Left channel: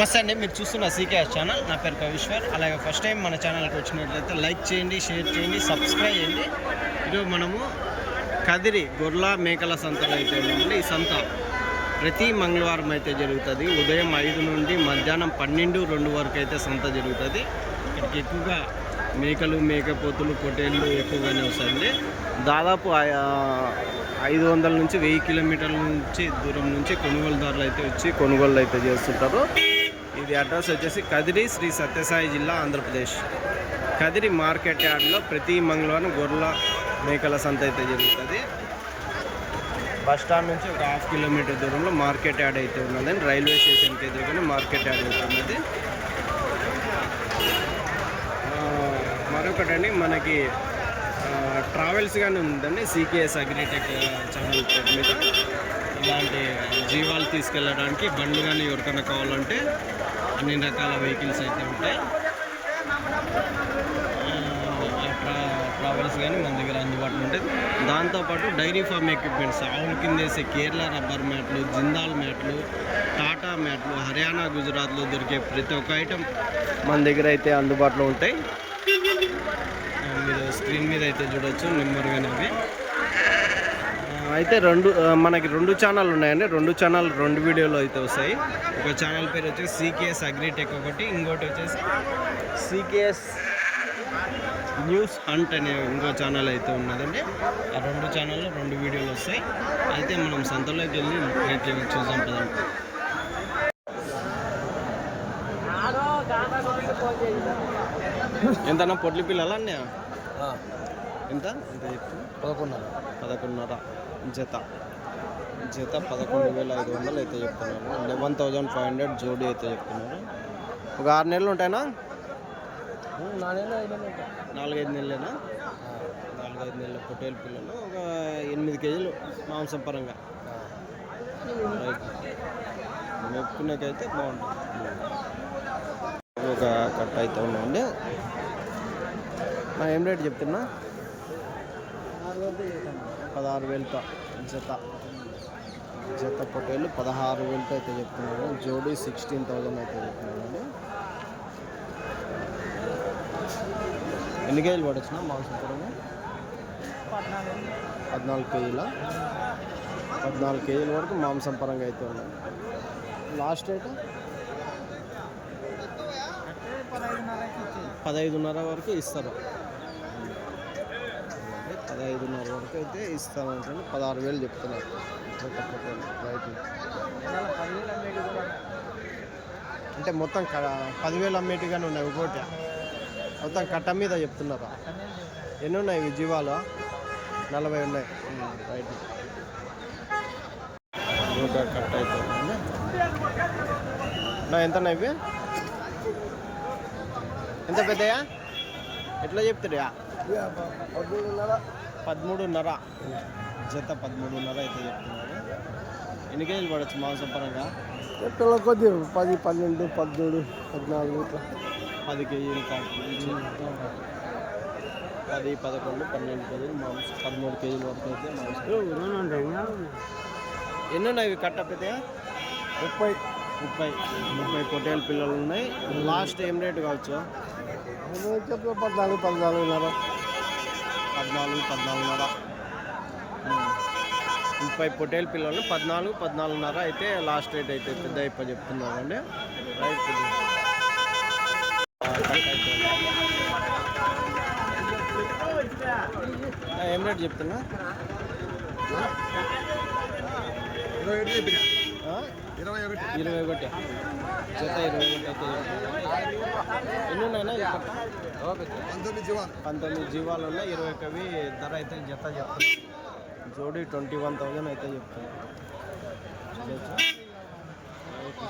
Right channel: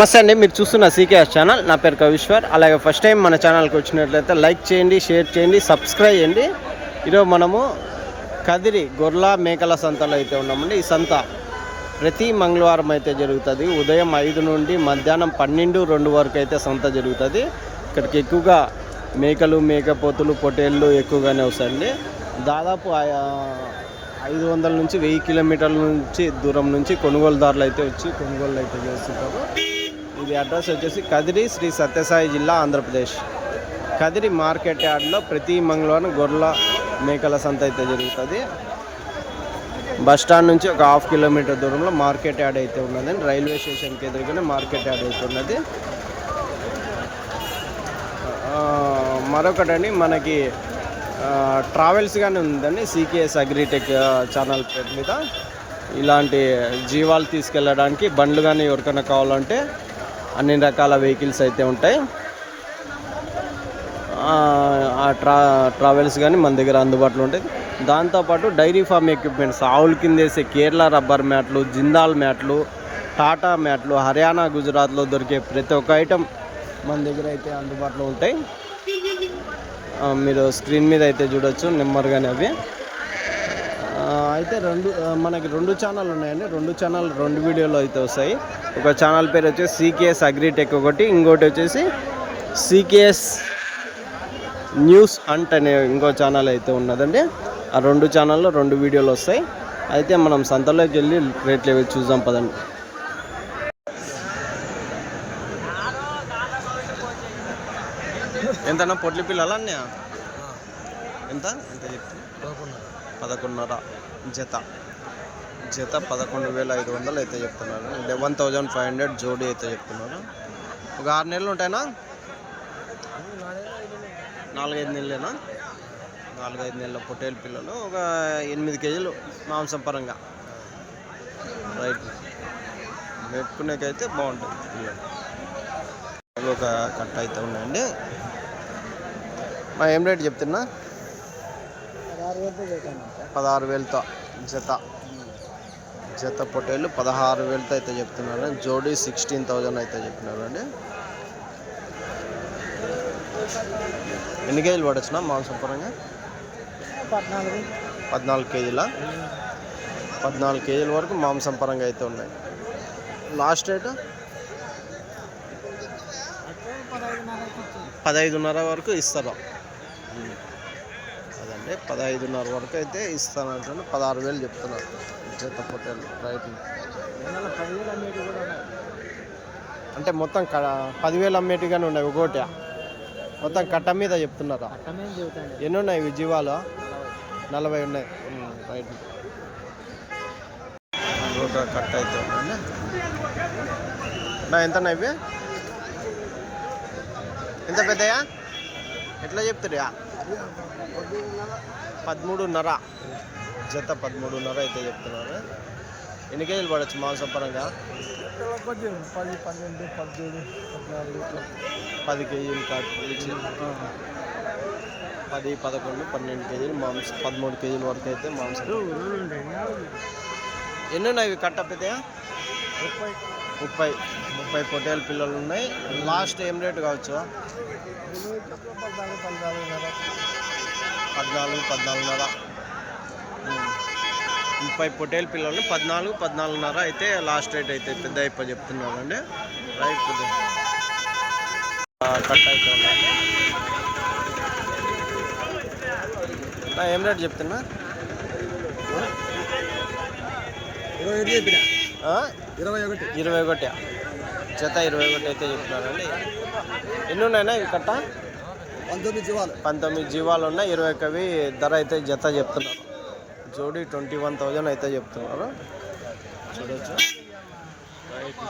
నమస్తే అండి మీరు చూస్తున్న సీకేఎస్ ఛానల్. నా పేరు కవిశ్వర్. అలాగే ఫస్ట్ టైం మన ఛానల్కి వచ్చినట్లయితే లైక్ చేయండి షేర్ చేయండి సబ్స్క్రైబ్ చేయండి. ఈరోజు మనము కదిరి గొర్ల మేకల సంతలో అయితే ఉన్నామండి. ఈ సంత ప్రతి మంగళవారం అయితే జరుగుతుంది. ఉదయం ఐదు నుండి మధ్యాహ్నం పన్నెండు రెండు వరకు అయితే సంత జరుగుతుంది. ఇక్కడికి ఎక్కువగా మేకలు మేకపోతులు పొటేళ్ళు ఎక్కువగానే వస్తాయండి. దాదాపు ఐదు వందల నుంచి వెయ్యి కిలోమీటర్ల నుంచి దూరం నుంచి కొనుగోలుదారులు అయితే వచ్చి కొనుగోలు అయితే చేస్తుంటారు. ఇది అడ్రస్ వచ్చేసి కదిరి శ్రీ సత్యసాయి జిల్లా ఆంధ్రప్రదేశ్. కదిరి మార్కెట్ యార్డ్లో ప్రతి మంగళవారం గొర్రెల మేకల సంత అయితే జరుగుతుంది. బస్ స్టాండ్ నుంచి ఒక హాఫ్ కిలోమీటర్ దూరంలో మార్కెట్ యార్డ్ అయితే ఉన్నదండి రైల్వే స్టేషన్కి ఎదురుగానే మార్కెట్ యార్డ్ అయితే ఉన్నది. మరొకటండి మనకి ట్రావెల్స్ కానీ ఉందండి. సీకేఎస్ అగ్రిటెక్ ఛానల్ పేరు మీద. ఇలాంటి జీవాలు తీసుకెళ్ళడానికి బండ్లు కానీ ఎవరికైనా కావాలంటే అన్ని రకాల వెహికల్స్ అయితే ఉంటాయి. ఆ, ట్రా ట్రావెల్స్ కానీ మన దగ్గర అందుబాటులో ఉంటాయి. దాంతోపాటు డైరీ ఫామ్ ఎక్విప్మెంట్స్ ఆవుల కింద వేసే కేరళ రబ్బర్ మ్యాట్లు జిందాల్ మ్యాట్లు టాటా మ్యాట్లు హర్యానా గుజరాత్లో దొరికే ప్రతి ఒక్క ఐటెం మన దగ్గర అయితే అందుబాటులో ఉంటాయి. మీరు స్క్రీన్ మీద అయితే చూడొచ్చు కానీ అవి. అయితే రెండు మనకి రెండు ఛానల్ ఉన్నాయండి. రెండు ఛానల్ రెండు వీడియోలు అయితే వస్తాయి. ఒక ఛానల్ పేరు వచ్చేసి సీకేఎస్ అగ్రిటెక్ ఒకటి ఇంకోటి వచ్చేసి సీకేఎస్ న్యూస్ హంట్ అనే ఇంకో ఛానల్ అయితే ఉన్నదండి. ఆ రెండు ఛానల్లో రెండు వీడియోలు వస్తాయి. అయితే మనం సంతలోకి వెళ్ళి రేట్ లెవెల్ చూద్దాం పదండి. ఎంతన్నా పొట్లి పిల్లలు అన్నీ ఎంత? ఎంత చెప్తున్నా పదకొండున్నర. జత. జత పదకొండు వేల ఐదు వందలు అయితే చెప్తున్నారు. లెవెన్ థౌజండ్ ఫైవ్ హండ్రెడ్ జోడీ అయితే చెప్తున్నారు. ఒక ఆరు నెలలు ఉంటాయినా? నాలుగైదు నెలలేనా? నాలుగైదు నెలల పొట్టేలు పిల్లలు ఒక ఎనిమిది కేజీలు మాంసం పరంగా. రైట్. మెప్పుకునేకైతే బాగుంటుంది పిల్లలు. ఒక కట్ట అయితే ఉన్నాయండి. మా ఏం రేట్ చెప్తున్నా? పదహారు వేలతో. జత. జత పొటేలు పదహారు వేలతో అయితే చెప్తున్నారు జోడీ సిక్స్టీన్ థౌజండ్ అయితే చెప్తున్నారండి ఎన్ని కేజీలు పడొచ్చునా మాంసం పరంగా? పద్నాలుగు కేజీల? పద్నాలుగు కేజీల వరకు మాంసం పరంగా అయితే ఉన్నాయి. Last rate? పదహైదున్నర వరకు ఇస్తారు? అంటే పదహైదున్నర వరకు అయితే ఇస్తానంటే పదహారు వేలు చెప్తున్నారు. జత పొట్టేలు రైట్లు అంటే మొత్తం క పదివేలు అమ్మేటిగానే ఉన్నాయి ఒకటి మొత్తం కట్ట మీద చెప్తున్నారా? ఎన్ని ఉన్నాయి ఇవి జీవాలు? నలభై ఉన్నాయి. రైట్ ఒక కట్ట అయితే ఉన్నాయండి నా ఎంత ఇవి? ఎంత పెద్దయా? ఎట్లా చెప్తారా పదమూడున్నర. జత పదమూడున్నర అయితే చెప్తున్నారు. ఎన్ని కేజీలు పడవచ్చు మాంసం పరంగా కొద్ది పది పన్నెండు పద్దెనిమిది పద్నాలుగు పది కేజీలు కాచి పది పదకొండు పన్నెండు కేజీలు మాంసం పదమూడు కేజీల వరకు అయితే మాంసం ఎన్ని ఉన్నాయి కట్ట పెద్దయా ముప్పై. ముప్పై. ముప్పై పొట్టేలు పిల్లలు ఉన్నాయి లాస్ట్ ఏం రేటు కావచ్చు పద్నాలుగు పద్నాలుగున్నర. పద్నాలుగు పద్నాలుగున్నర. ముప్పై పొట్టేలు పిల్లలు పద్నాలుగు పద్నాలుగున్నర అయితే లాస్ట్ రేట్ అయితే పెద్ద అయిపో చెప్తున్నారు అండి రైట్ కట్ అయితే ఏం రేట్ చెప్తున్నా? ఇరవై ఒకటి ఇరవై ఒకటి. జత ఇరవై ఒకటి అయితే చెప్తున్నారండి. ఎన్ని ఉన్నాయన్నా ఇవి కట్ట? పంతొమ్మిది జీవాలు. ఉన్నాయి ఇరవై కవి ధర అయితే జత చెప్తున్నారు. జోడీ ట్వంటీ వన్ థౌజండ్ అయితే చెప్తున్నారు. చూడొచ్చు. రైట్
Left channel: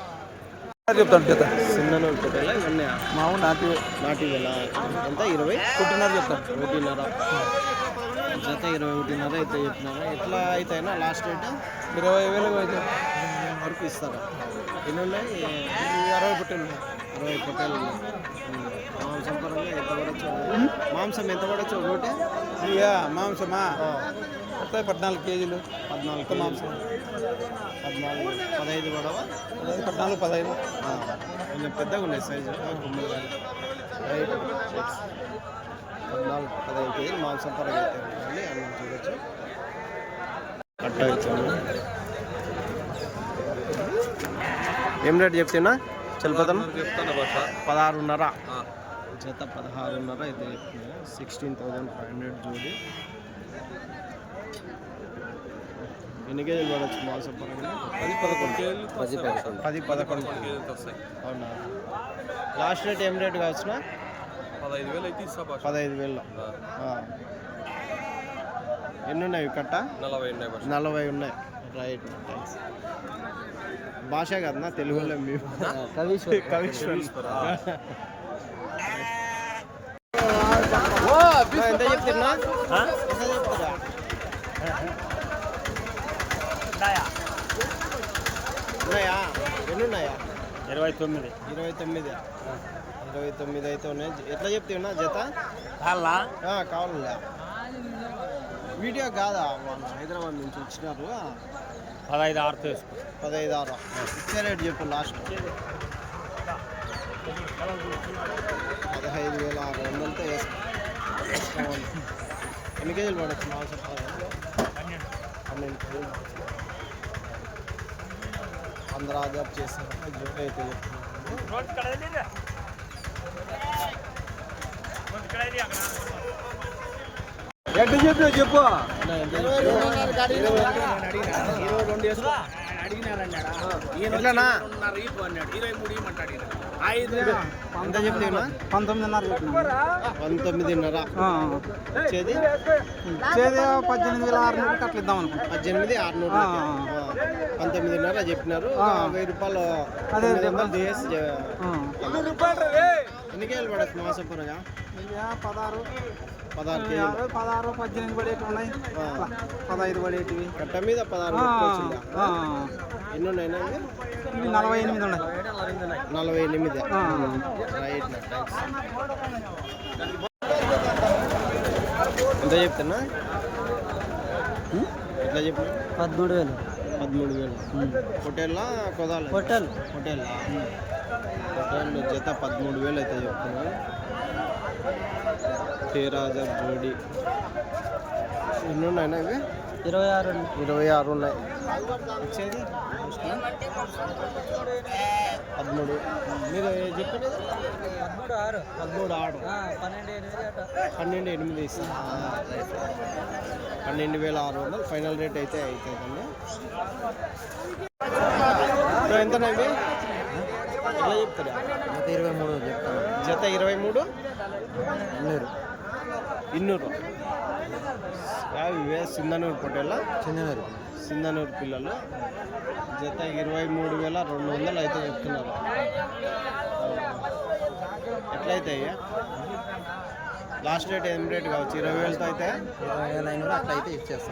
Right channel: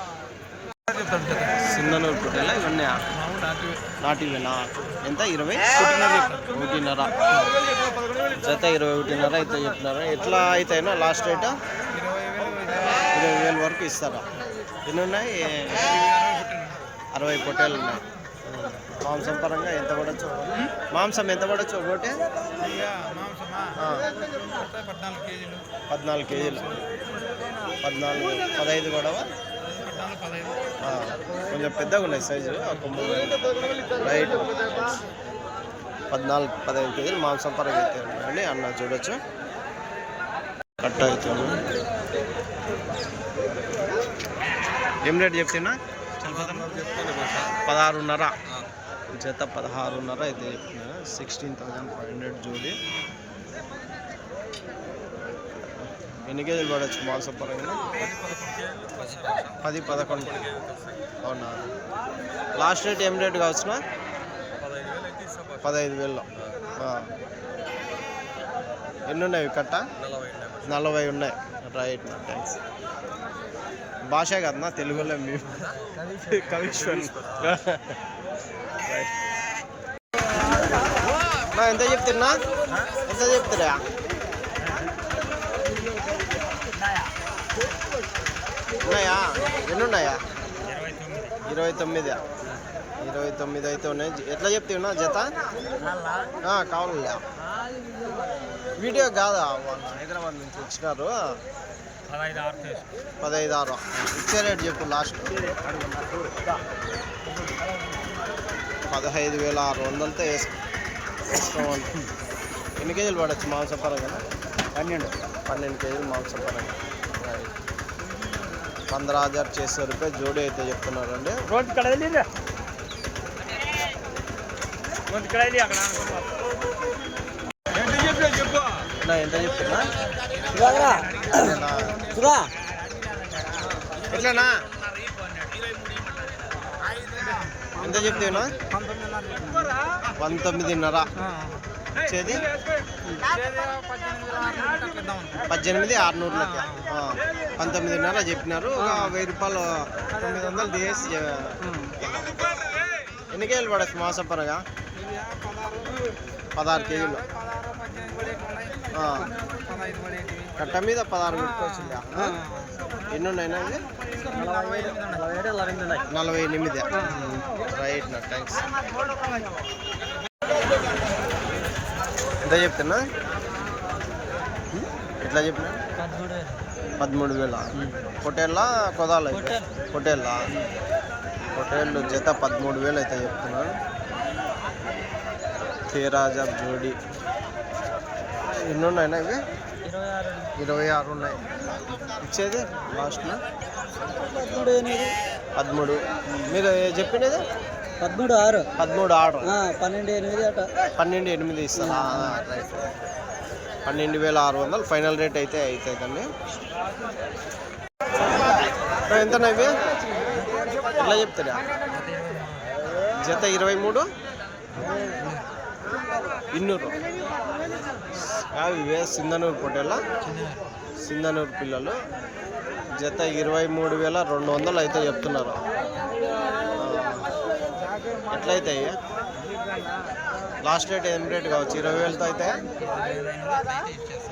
చెప్తాను. పెద్ద సింధనూరు పొట్టేలా ఇవన్నీ నాటివేనా? ఎంత ఇరవై? ఒకటిన్నర జత ఇరవై ఒకటిన్నర అయితే చెప్తున్నారు? ఎట్లా అయితేనా లాస్ట్ రేట్? ఇరవై వేలు ఇరవై వేల. వరకు ఇస్తారా? ఎన్ని ఉన్నాయి. అరవై పొట్టేలు ఉన్నాయి. మాంసం పరంగా ఎంత పడచ్చు మాంసం ఎంత పడచ్చు ఒకటి మాంసమా? పద్నాలుగు కేజీలు. పద్నాలుగు కేజీలు. పద్నాలుగు పదహైదు పడవా పద్నాలుగు పదహైదు. ఆ, కొంచెం పెద్దగా ఉన్నాయి సైజు ఆ కొమ్ములు కానీ. రైట్ పద్నాలుగు పదహైదు కేజీలు మాంసం పరంగా అయితే ఉన్నాయండి అన్న చూడొచ్చు. కట్ట అయితే ఉన్నాయి. ఏం రేట్ చెప్తున్నా? చలిపోతాం పదహారున్నర. జత పదహారున్నర అయితే చెప్తున్నా. సిక్స్టీన్ థౌజండ్ ఫైవ్ హండ్రెడ్ జోడి. ఎన్ని కేజీలు పడవచ్చు మాంసం పరంగా? పది పదకొండు. అవునా? లాస్ట్ రేట్ ఏం రేట్ కావచ్చునా? పదహైదు వేలలో. ఎన్ని ఉన్నాయి కట్ట? నలభై ఉన్నాయి. రైట్ నా థ్యాంక్స్ భాష కదనా తెలుగులో మేము కవిశ్వర్ నా ఎంత చెప్తున్నా? ఎంత చెప్తారా ఉన్నాయా? ఎన్ని ఉన్నాయా ఇరవై తొమ్మిది. ఇరవై తొమ్మిది ఇరవై తొమ్మిది అయితే ఉన్నాయి. ఎట్లా చెప్తున్నా జత? ఆ, కావాలలే వీడియో కాదా? వాళ్ళు హైదరాబాద్ నుంచి వచ్చినారు. పదహైదు ఆరు తీసుకో. పదహైదు ఆరు. ఇచ్చే రేటు చెప్పు లాస్ట్ పదహైదు వేల ఆరు వందలతో వేసుకో. వేసుకోవాలి. ఎన్ని కేజీలు పడవచ్చు మాంసపరంగా పన్నెండు. పన్నెండు కేజీలు మాంసం పరంగా పంద్ర హజార్ చేసే రూపాయ జోడీ అయితే చెప్తున్నారండి. అక్కడ ఎంత చెప్పు చెప్పు. నా ఎంత ఎట్లనా ఎంత చెప్తున్నా పంతొమ్మిదిన్నర. వచ్చేది? పద్దెనిమిది వేల ఆరు నూరు అట్లా ఇద్దాం అనుకో పద్దెనిమిది ఆరునూరులకి ఆ, పంతొమ్మిదిన్నర చెప్పినారు. ఒక వెయ్యి రూపాయలు తొమ్మిది వందలు తీసేసి చె- ఎన్ని కేజీలు పడచ్చు మాసం పరగా పదహారు పదహారు కేజీలు. పదహారు పద్దెనిమిది పడేటి ఉన్నాయి. ఆ, పదహైదు పడేటివి. కట్ట మీద పదహారు పెట్టుకోవచ్చు ఎన్ని ఉన్నాయినా ఇవి నలభై ఎనిమిది ఉన్నాయి. నలభై ఎనిమిది. రైట్ నా థ్యాంక్స్ ఎంత చెప్తున్నా? ఎట్లా చెప్పినా? పదమూడు వేలు. పదమూడు వేల? పొటేళ్ళ కొదాల. పొటేళ్ళ పొటేళ్ళు జత పదమూడు వేలు అయితే చెప్తున్నాను తేరాజర్ జోడి. ఎన్ని ఉన్నాయినా ఇవి? ఇరవై ఆరు ఆరు ఉన్నాయి. ఇచ్చేది? లాస్ట్ పదమూడు. మీరు చెప్పినది? పదమూడు ఆరు. పదమూడు ఆర్డర్ పన్నెండు ఎనిమిది అట. పన్నెండు ఎనిమిది ఇస్తారా. రైట్. పన్నెండు వేల ఆరు వందలు. ఫైనల్ రేట్ అయితే అవుతుందండి ఎంతనా ఇవి? ఎట్లా చెప్తారా? జత ఇరవై మూడు నూరు ఇన్నూరు సింధనూరు పొట్టేళ్ళ. చిన్నూరు సింధనూరు పిల్లలు. జత ఇరవై మూడు వేల రెండు వందలు అయితే చెప్తున్నారు. ఆ, ఎట్లయితాయి లాస్ట్ రేట్ ఏం రేట్ కావచ్చు? ఇరవై వేలతో అయితే?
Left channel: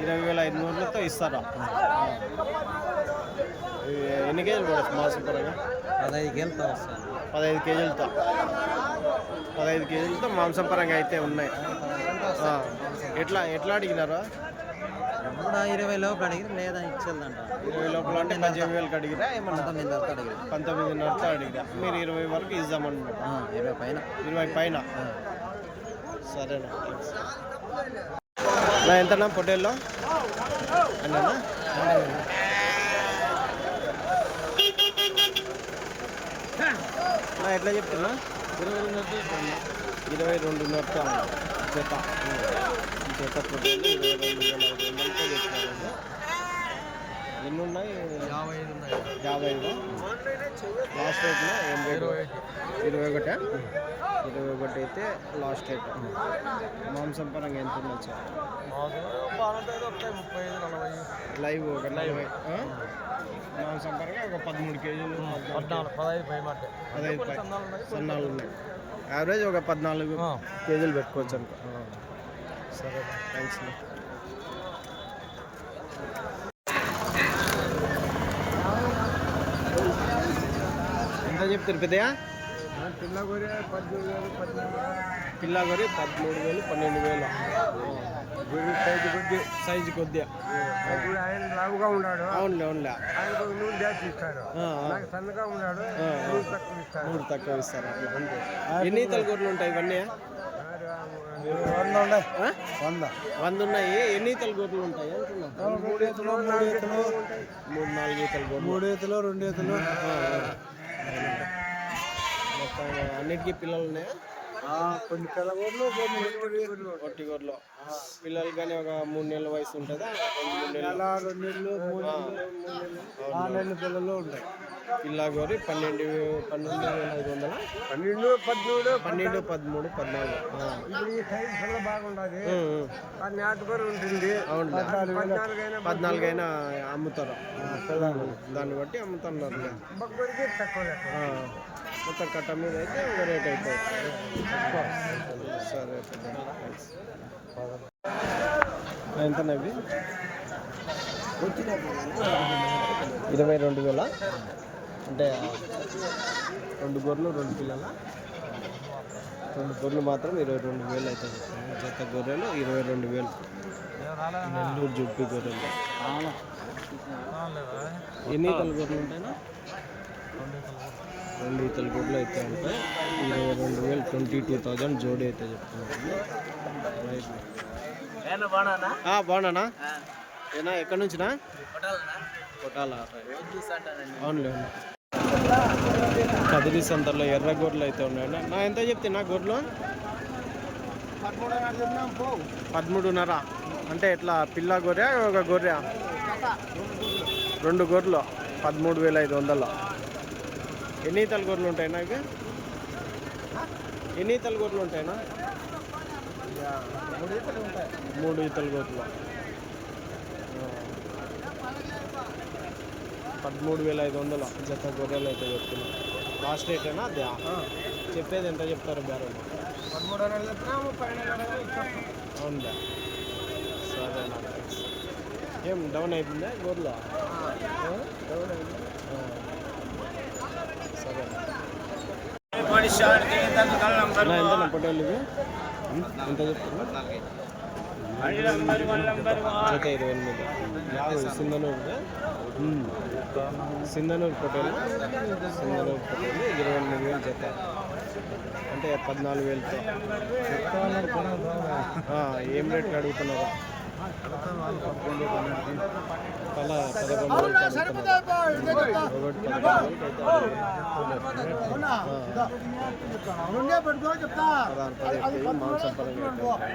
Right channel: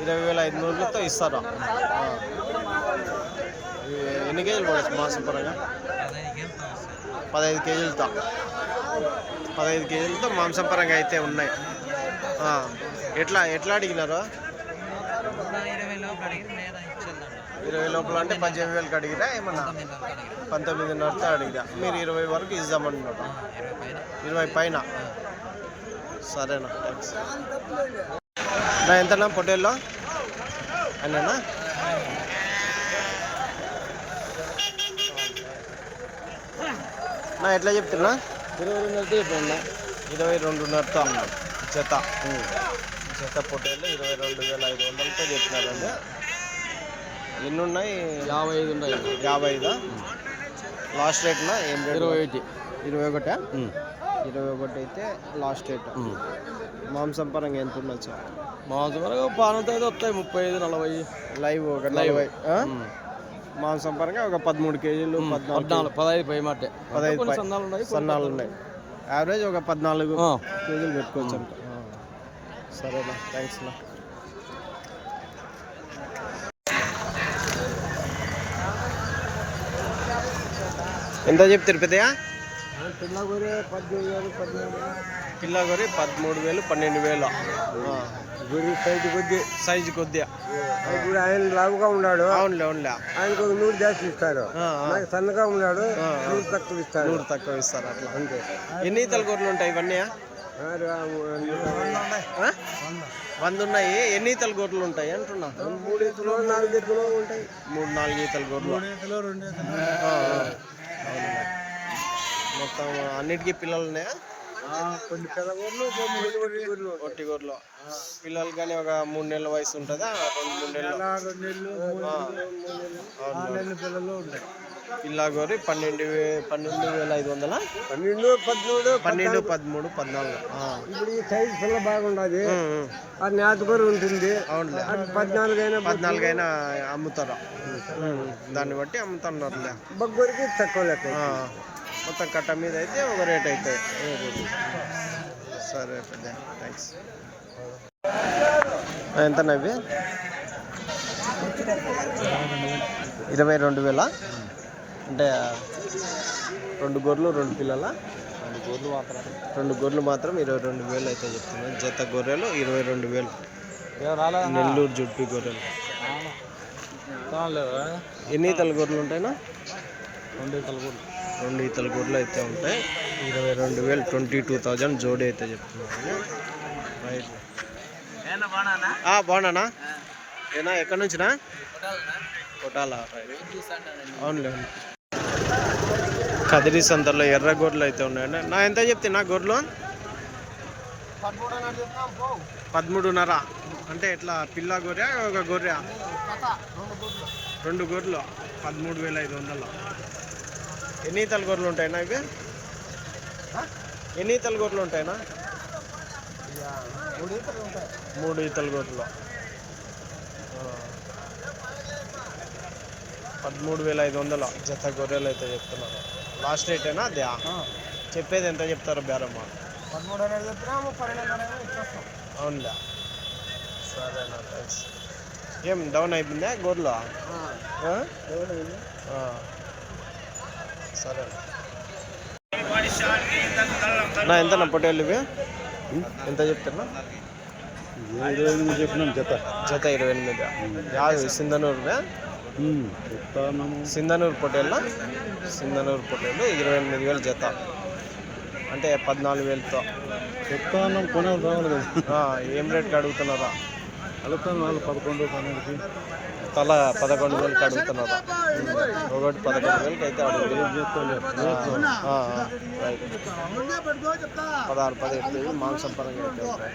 ఇరవై వేల ఐదు నూరులతో ఇస్తారా ఎన్ని కేజీలు పడచ్చు మాంసం పరంగా? పదహైదు కేజీలతో. పదహైదు కేజీలతో మాంసం పరంగా అయితే ఉన్నాయి. ఎట్లా ఎట్లా అడిగినారు? ఇరవై లోపు అడిగి లేదా ఇరవై లోపల అంటే పద్దెనిమిది వేలకు అడిగిరా ఏమన్నా? పంతొమ్మిదిన్నరతో అడిగిరా. మీరు ఇరవై వరకు ఇద్దామంటున్నారు ఇరవై పైన. ఇరవై పైన? సరేనా థ్యాంక్స్ నా ఎంతనా పొట్టేల్లో? అన్నేనా? నా ఎట్లా చెప్తున్నా? ఇరవై రెండు ఇరవై రెండున్నరతో జత. జత పొట్టేళ్ళు ఇరవై రెండు వేల ఐదు వందలతో చెప్తున్నారండి ఎన్ని ఉన్నాయి యాభై ఐదు ఉన్నాయి. యాభై ఐదా? లాస్ట్ రేట్నా? ఏం రేట్? ఇరవై ఒకటి. ఇరవై ఒకటా? ఇరవై ఒకటి అయితే లాస్ట్ రేట్. మాంసం పరంగా ఎంత ఉండొచ్చు మాంసం బాగుంటుంది అయితే వస్తాయి ముప్పై ఐదు నలభై. లైవ్ ఒక నలభై? మాంసం పరంగా ఒక పదమూడు కేజీలు పద్నాలుగు పదహైదు పై మాట. పదహైదు సన్నాలు ఉన్నాయి. యావరేజ్ ఒక పద్నాలుగు. కేజీలు పెట్టుకోవచ్చు అనుకో. సరేనా థ్యాంక్స్ నా ఎంత చెప్తారు పెద్దయా పిల్ల కొరే పద్దెనిమిది వేలు పద్దెనిమిది పిల్ల గొర్రె పదమూడు వేలు పన్నెండు వేలు. సైజు కొద్ది. సైజు కొద్దిగా ఆయన లావుగా ఉన్నాడు. అవునులే అవునులే. ఆయనకు నూరు జాస్తి ఇస్తారు. సన్నగా ఉన్నాడు. నూరు తక్కువ ఇస్తారు. నూరు తక్కువ ఇస్తారు అట్లా. ఎన్ని ఈతల గొర్రెలు ఉంటాయి ఇవన్నీ? వంద. ఉన్నాయి. ఎన్ని ఈతల గొర్రెలు ఉంటాయి అంటున్నా? మూడు నాలుగు ఈతల గొర్రెలు. మొత్తం అన్నిటికీ పిల్లలు ఉన్నాయా? కొన్ని పిల్లగొడ్లు కొన్ని డెలివరీ ఒట్టి గొర్రెలు పిల్లలు కానీ ఒక మూడు నెలల వయసు ఉంటుందా? రెండు మూడు నెలలు. పిల్ల గొర్రె పన్నెండు పన్నెండు వేల ఐదు వందల? పన్నెండు పదమూడు పన్నెండు పదమూడు పద్నాలుగు. ఇప్పుడు ఈ సైజు పిల్ల బాగుండదు. ఉంటుంది. అవునులే. పద్నాలుగు అయినా పద్నాలుగైనా అమ్ముతారు. ఉమ్, దాన్ని బట్టి అమ్ముతున్నారులే. బొగ్గరికి తక్కువ లెక్క. మొత్తం కట్ట మీద అయితే ఒక రేట్ అవుతాయి సరే పెద్ద థ్యాంక్స్ ఎంత నవ్వి ఇరవై రెండు వేల? అంటే రెండు గొర్రెలు రెండు పిల్లల? రెండు గొర్రెలు మాత్రం ఇరవై రెండు వేలు అయితే చెప్తున్నాను జత గొర్రెలు ఇరవై రెండు వేలు. నెల్లూరు జుడ్పి గొర్రెలు. ఎన్ని ఈతల గొర్రెలు ఉంటాయినా రెండు ఈతల గొర్రెలు అయితే ఉంటాయి. ఇరవై రెండు వేలు ట్వంటీ టూ థౌజండ్ జోడీ అయితే చెప్తున్నాను. రైట్. బాగున్నానా? ఏనా ఎక్కడి నుంచినా? కొట్టాలా అవునులే అవును కదిరి సంతలో ఎర్ర గొర్రెలు అయితే ఉన్నాయండి నా ఎంత చెప్తే నా గొర్రెలు పదమూడున్నర. అంటే ఎట్లా పిల్ల గొర్రె ఒక గొర్రె రెండు గొర్రెలు పదమూడు వేల ఐదు వందలు. ఎన్ని ఈతల గొర్రెలు ఉంటాయినా ఇవి? ఎన్ని ఈతల గొర్రెలు ఉంటాయినా మూడు ఈతలు గొర్రెలు. పదమూడు వేల ఐదు వందలు జత గొర్రెలు అయితే చెప్తున్నాను లాస్ట్ రేటేనా అదే? చెప్పేది ఎంత చెప్తారు బేరమ్మా. అవునులే. సరేనా థ్యాంక్స్ ఏం డౌన్ అయిపోయిందా గొర్రెలు. సరే. నా ఎంత నా పొట్టేళ్ళు ఇవి? ఎంత చెప్తున్నా? జత జత ఇరవై ఎనిమిది. యాభై సింధనూరు సింధనూరు పొట్టేళ్ళ? సింధనూరు పొట్టేళ్ళు ఇరవై ఎనిమిది వేలు జత. అంటే పద్నాలుగు వేలతో. ఏం రేట్కి అడుగుతున్నారా? అడుగుతాను పదకొండు తల పదకొండు వేలకి అడుగుతున్నారు ఒకటి పదకొండు వేలకి అయితే అడుగుతున్నారు పదహారు పదిహేడు కేజీలు మాంసం పరంగా అయితే ఉంటాయి